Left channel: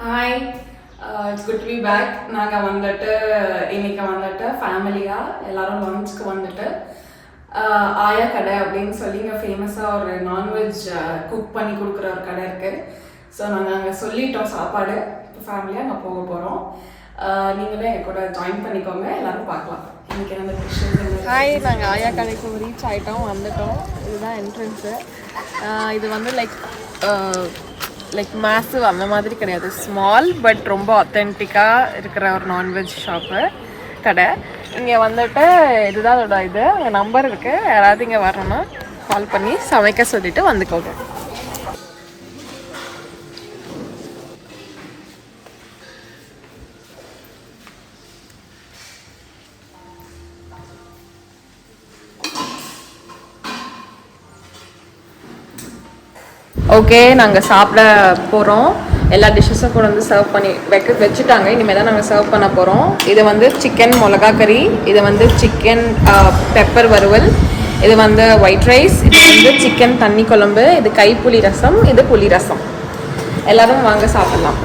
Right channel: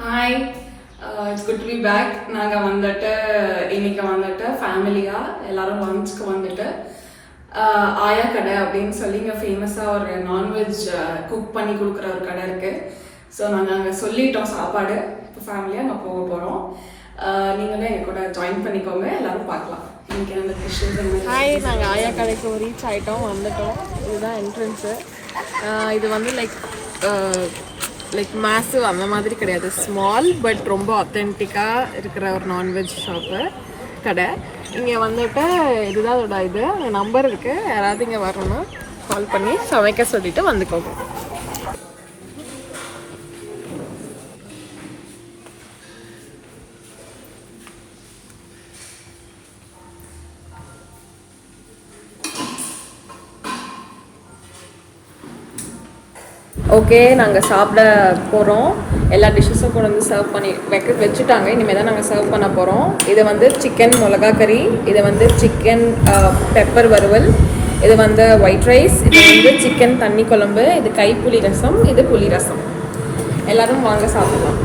Hi, it's good to be back. நாங்கள் வந்துட்டு இன்னைக்கு வந்துட்டு ஃபேமிலியாக எல்லாரும் லஞ்சுக்கு வந்துட்டு ஆயா கடை அப்படின்னு சொல்லி இங்கே ஃபேமஸாக ஒரு நான்வெஜ் குக் பண்ணி கொடுக்குற ஒரு கடை இருக்குது. ஸோ நாங்கள் அங்கே சொல்லிட்டோம் சாப்பாடு. இப்போ ஃபேமிலியாக அங்கே போக போகிறோம். நீங்களும் எங்கள் கூட ஜாயின் பண்ணிக்கோங்க, எல்லோரும் பார்க்கலாம். இன்னைக்கு நம்ம கிருஷ்ணன் ஹாய், நாங்கள் ஆயா கடைக்கு ரீச் ஆகிட்டோம், வந்துட்டோம். இதுதான் என்ட்ரன்ஸு. இது வந்து லைக் மாசு அந்த மாதிரி கிடையாது, ஸ்மால் பட் ரொம்ப ஆத்தென்டிக்காக இருக்கிற ஒரு நான்வெஜ் ஷாப்பு கடை. இங்கே வந்துட்டு இதுதான் அதோட இது. அங்கே நம்பர் இருக்குது, யாராவது இங்கே வரணும்னா கால் பண்ணி சமைக்க சொல்லிவிட்டு வந்துக்கோங்க. ஓகே, நாங்கள் சாப்பிட போகிறோம். எல்லா டிஷ்ஷஸும் கொண்டு வந்து சர்வ் பண்ணி வச்சுட்டாங்க. இனிமேல் தான் நாங்கள் சர்வ் பண்ண போகிறோம். இது வந்து சிக்கன் மிளகா கறி, இது வந்து சிக்கன் பெப்பர் வறுவல், இது வந்து ஒயிட் ரைஸ், இது வந்து சிக்கன் தண்ணி குழம்பு, இது கைப்புளி ரசம், இது புளி ரசம். எல்லோரும் வாங்க சாப்பிடலாம்.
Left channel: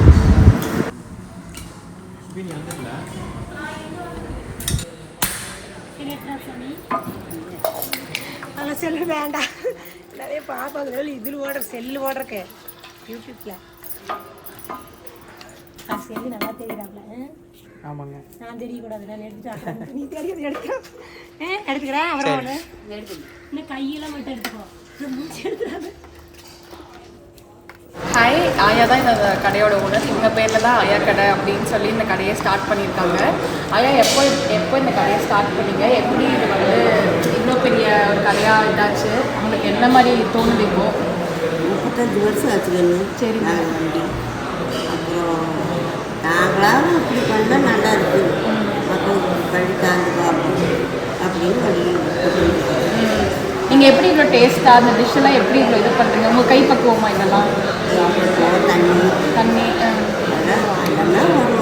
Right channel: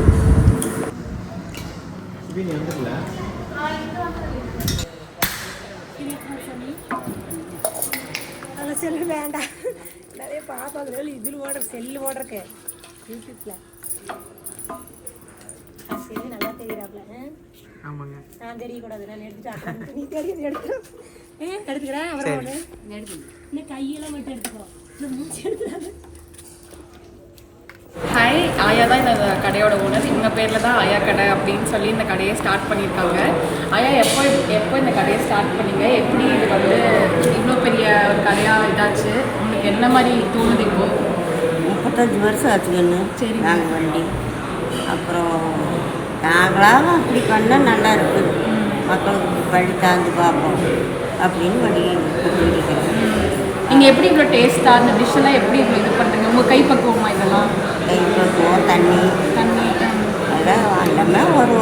வேண்டாம், நிறைய பார்ப்பாங்க. இதில் ஓடுற செல்லு ஓடுறக்கு யூடியூப்ல செல்லு நல்லா தெரியுறாப்ல. ஆமாங்க, நான் தெரியக்கூடாது, நான் எடுத்துட்டேன். நீ தெரியுது எடுத்துக்கிறேன். அப்புறம் இன்னும் கையெல்லாம் மட்டும் எடுத்துக்கோ, மூச்சு எடுத்துறாது. ஹாய், ஆயா தான் இந்த கடையோட ஓனர். இவங்க பேரில் தான் ஆயா கடை அப்படின்னு சொல்லி இந்த கடையை ஸ்டார்ட் பண்ணியிருக்காங்க. ஆயா, எப்போ இந்த கடையை ஸ்டார்ட் பண்ணீங்க? எப்படி இது வந்து இவ்வளோ பெரிய ஒரு கடையாக இதாச்சு? உங்களுக்கு என்ன மாதிரி தோணுது? இப்போ 35 வருஷம் ஆச்சுக்கண்ணு. சரி, நாங்கள் வண்டி அப்புறம் நாங்களாக அப்படி பண்ணால் நல்லா இருக்குது, மக்களுக்கு பழி தாழ்ந்து பார்ப்போம் அப்படின்னு வண்டி கூப்பிட்டு. நீங்கள் எப்படி இவ்வளோ டேஸ்ட்டாக அந்த டிஷ்ஷெல்லாம் எப்படி இவ்வளோ இது பண்ணுறீங்க? உங்கள் கை பக்குவமா இதெல்லாம்? கை பக்குவம், தண்ணி அதெல்லாம் எல்லாமே ஒரு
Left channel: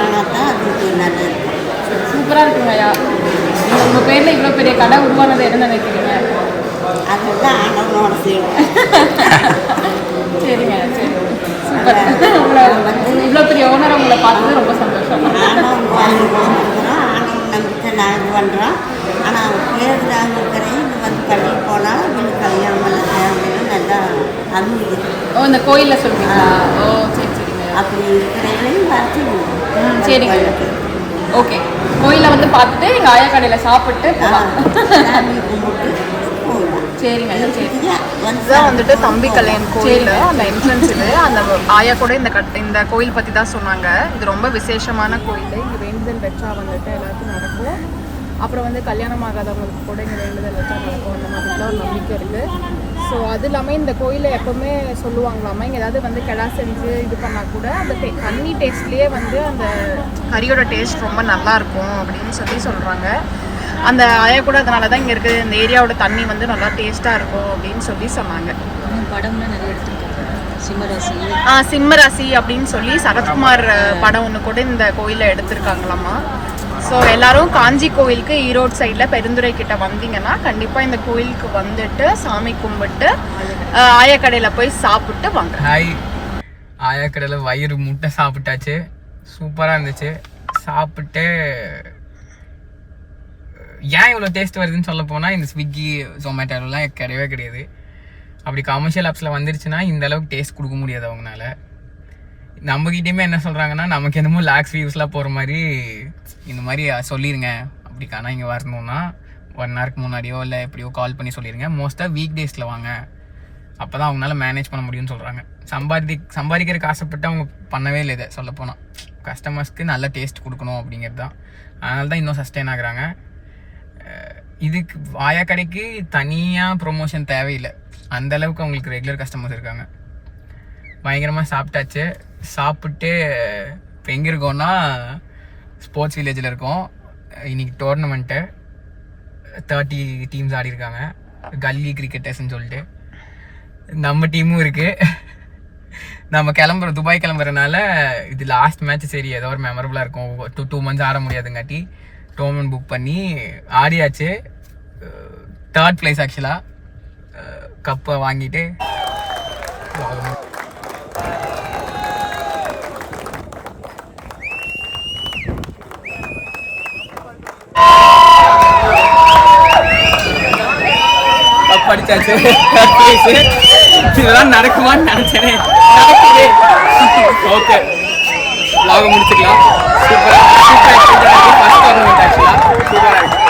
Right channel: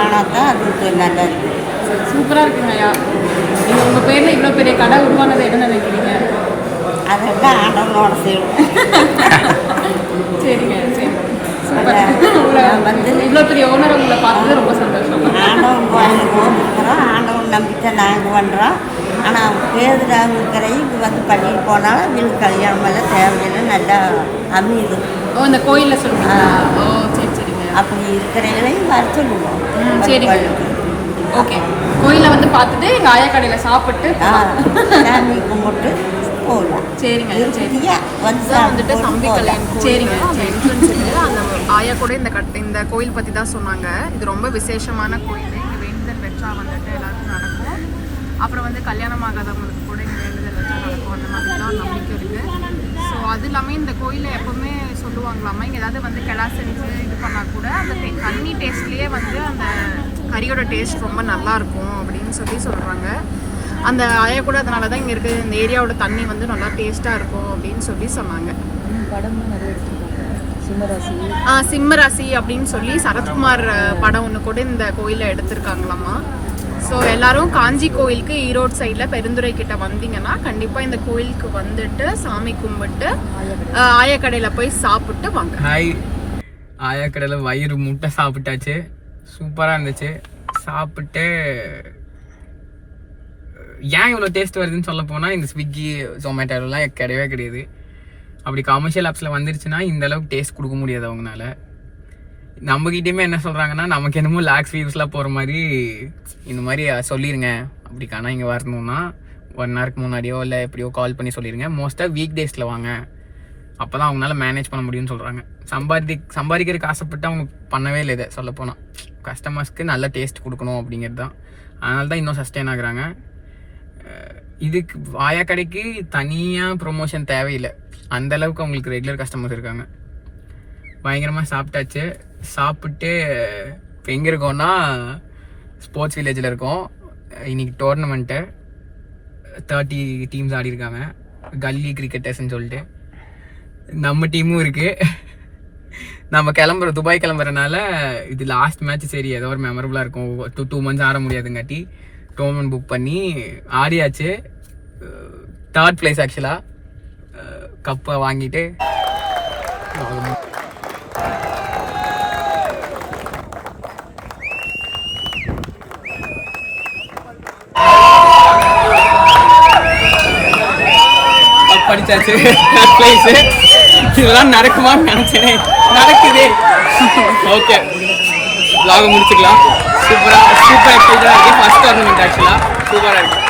ஆனால் தான் அதுக்கு நல்லா இருக்குது. சூப்பராக இருக்குங்க ஐயா. நீங்கள் உங்கள் பேரில் இவ்வளோ பெரிய கடை உருவானது என்ன நினைக்கிறீங்க? அதெல்லாம் ஆண்டவனோட செய்யும். சரிங்க, சரி, சூப்பர். வந்து இவ்வளோ பெரிய ஓனர் உங்களை பார்த்தது ரொம்ப சந்தோஷம். ஆண்டவன் வாங்கி போகிறோம், ஆண்டவன் நம்பிக்கை நான் இது பண்ணுறோம். ஆனால் அவங்க பேருதாக இருக்கிறையும் இது வந்து பண்ணிட்டு போனாலும் வீட்டு கல்யாணம் எல்லாம் தேவையில்லை, நல்லா அமையுது. ஓ, இந்த கோயிலில் சொல்லுங்கள். ஓ, சரி சரிங்க. அப்படி இருக்கிறவங்களையும் வர சொல்லுவோம். சரிங்க, ஓகே. கோயிலில் வந்து பார்த்துட்டு எங்கள் ஆயா கடையில் சாப்பிட்டு சாமி கும்பிட்டு போகலாம். சரிங்க, சரிங்க. வந்துட்டு தம்பி கல்யாணம் கோயில், அந்த என்ட்ரன்ஸ் இது. அந்த ஆயா கூட இந்த கோயில் பற்றி தான் சொன்னாங்க. இது ரொம்ப விசேஷமான கோயில். இங்கே வேண்டுதல் வச்சா வந்துட்டு எல்லாருக்கும் நடக்கும். அப்புறம் வந்து கல்யாணம் ஆகாதவங்களுக்கு கூட இங்கே வேண்டுதல் வச்சா நடக்கும், அந்த மாதிரிலாம் ஒரு நம்பிக்கை இருக்குது. ஸோ அது இல்லாமல் இந்த கோயிலில் எப்போவுமே சொல்லுவாங்களாமா, இங்கே ஏதாவது வந்து கிடா செஞ்சு இது பண்ணால் கூட அந்த தண்ணி டேஸ்ட்லேயே வந்து அந்த கறியோட டேஸ்ட் ரொம்ப நல்லாயிருக்கும் அப்படின்னு சொல்லி சொல்கிறாங்க. அந்த ஆயா கூட அதனால தான் இங்கே இருக்குது, இந்த ஏரியாவோட தண்ணி வந்து நல்லா டேஸ்ட்டாக இருக்கும் அப்படின்னு சொல்லி சொன்னாங்க. படம்லாம் நிறைய எடுத்துருக்காங்க. சிம்மராசி, சிம்மராசி அப்படின்னு சொல்லி சரத்குமார் படம் ஒன்று கூட இந்த கோயிலில் எடுத்திருக்காங்களாமா. ஸோ எல்லாரும் காஞ்சி கோயிலுக்கு ஈரோடு சைடில் பெருந்துறை கிட்ட வந்தீங்கன்னா கண்டிப்பாக இந்த கோயிலுக்கு வந்துட்டு சாமி கும்பிட்டு ஆயா கடையில் போய் சாப்பிட்டு வாங்க. ஹாய், ஆயா கடையில் வயிறு முட்டை சாப்பிட்டாச்சு, சூப்பராக இருந்துச்சு. சாப்பிட்டு ஏன் இவ்வளோ டேஸ்ட் வருதுன்னு சொல்ல போனால் இந்த ஸ்விக்கி ஜொமேட்டோலாம் கிடையவே கிடையாது. அப்படி கமர்ஷியல் ஆப்ஸில் வந்துருச்சுன்னா இந்த அளவுக்கு டேஸ்ட் கொடுக்க முடியாது அவங்களால. நம்மகிட்டயுமே என்ன சொல்கிறாங்கன்னா, நமக்கு என்னமோ லாக்ஸ் வியூஸ்லாம் போகிற மாதிரி இந்த மாதிரி சொல்லிடுங்க. அப்படி காணா இங்கே வரணுன்னா 1 ஹவருக்கு முன்னாடியோ இல்லை எப்படியோ கால் பண்ணி சொல்லிடுங்க. மோஸ்ட்டாக வீக் டேஸில் வாங்க, அப்போ தான் அவங்களால மேனேஜ் பண்ண முடியும்னு சொல்கிறாங்க. சம்பாதிக்கிறதுக்கு ஆசைப்பட்டு அவங்க பண்ணவே இல்லை. இதை சொல்லப்போனால் கஸ்டமர்ஸ்க்கு நல்ல டேஸ்ட் கொடுக்கணும் அப்படிங்கிறது தான். அதனால தான் இன்னும் சஸ்டெயின் ஆகுறாங்க. இதுக்கு ஆயா கடைக்கு தனியாக ப்ரொமோஷன் தேவையில்லை, அந்தளவுக்கு அவங்களுக்கு ரெகுலர் கஸ்டமர்ஸ் இருக்காங்க. பயங்கரமாக சாப்பிட்டாச்சு. சாப்பிட்டு இப்போ எங்கே இருக்கோன்னா ஸ்போர்ட்ஸ் வில்லேஜில் இருக்கோம். இன்றைக்கி டோர்னமெண்ட்டு 30 டீம்ஸ் ஆடிருக்காங்க, கல்லி கிரிக்கெட்டர்ஸ்ன்னு சொல்லிட்டு. நம்ம டீமும் இருக்குது. நம்ம துபாய் கிளம்புறதுனால இது லாஸ்ட் மேட்ச். சரி, ஏதோ ஒரு மெமரபுளாக இருக்கும். 2 months ஆட முடியாதுங்காட்டி டோர்னமெண்ட் புக் பண்ணி ஆடியாச்சு. 3rd place ஆக்சுவலாக. கப்பை வாங்கிட்டு முடிச்சாச்சு. Third place. இதெல்லாம் நடக்குமான்னு நினைச்சேனே, நடக்குது. ஓகே, vlog முடிச்சுக்கலாம். சூப்பர் எக்ஸைட்டடாக இருக்குது. ஃபர்ஸ்ட் டோர்னமெண்ட் ஆக்சுவலாக சூப்பராக இருக்குது.